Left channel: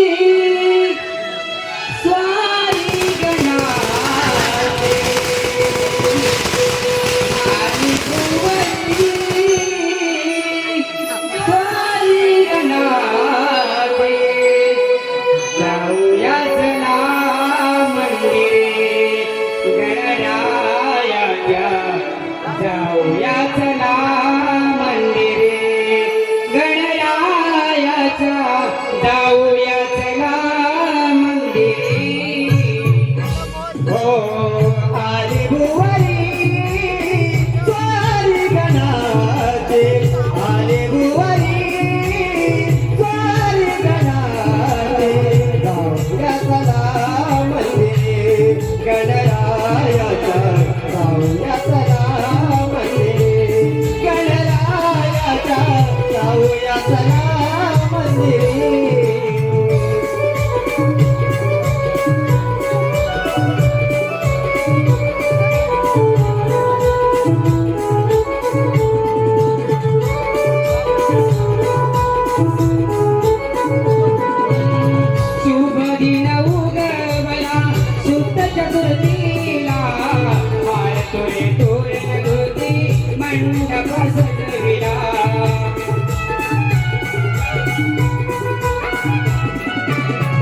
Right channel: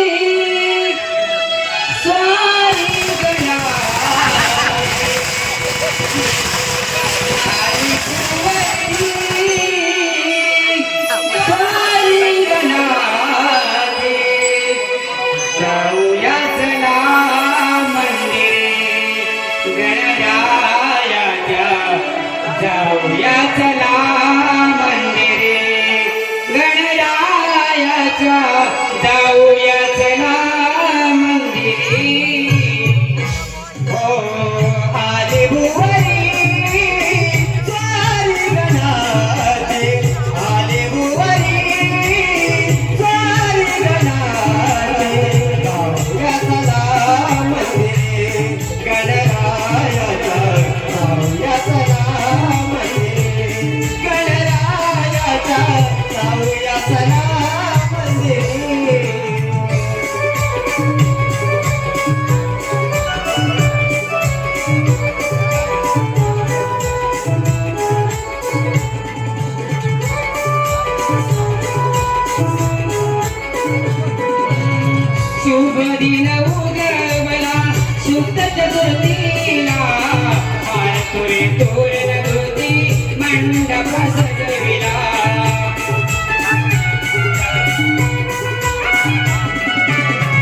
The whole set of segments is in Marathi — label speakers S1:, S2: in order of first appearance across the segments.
S1: स्वाी स्वामी जिले गणरायां यजना मंदिर Ganaraya Thank you.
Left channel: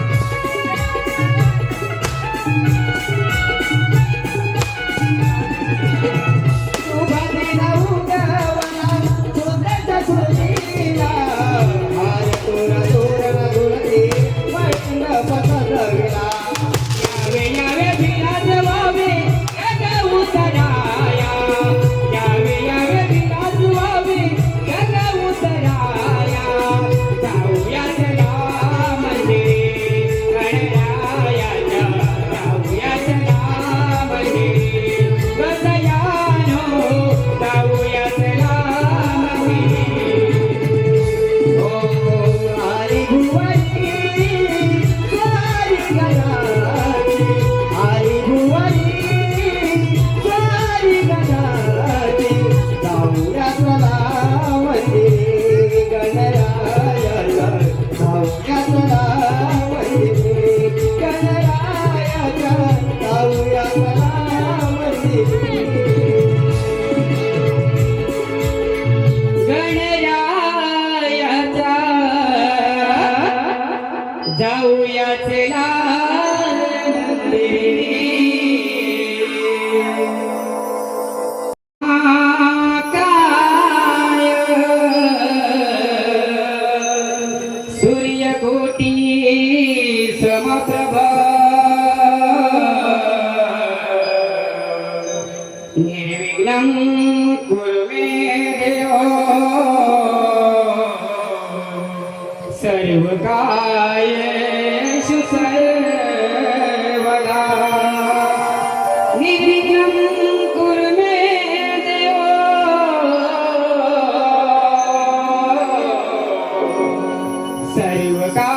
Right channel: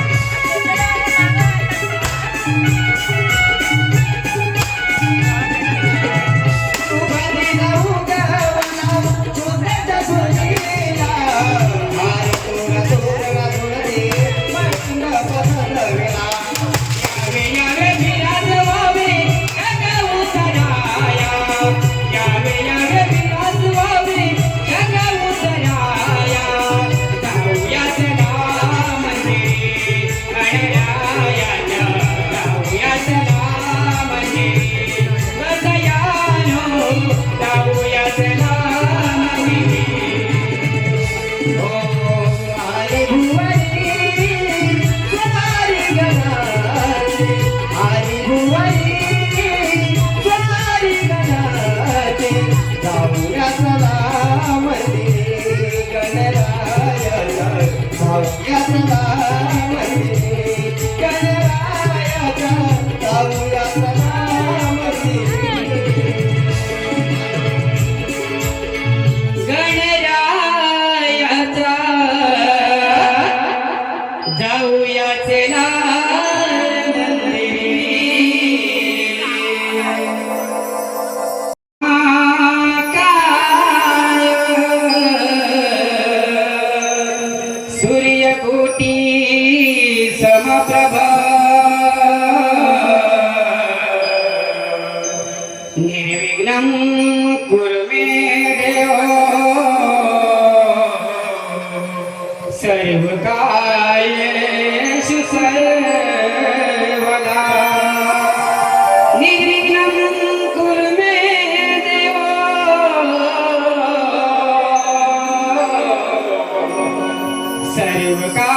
S1: You.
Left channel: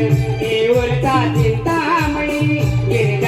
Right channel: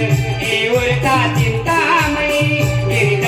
S1: y huerta chintamani,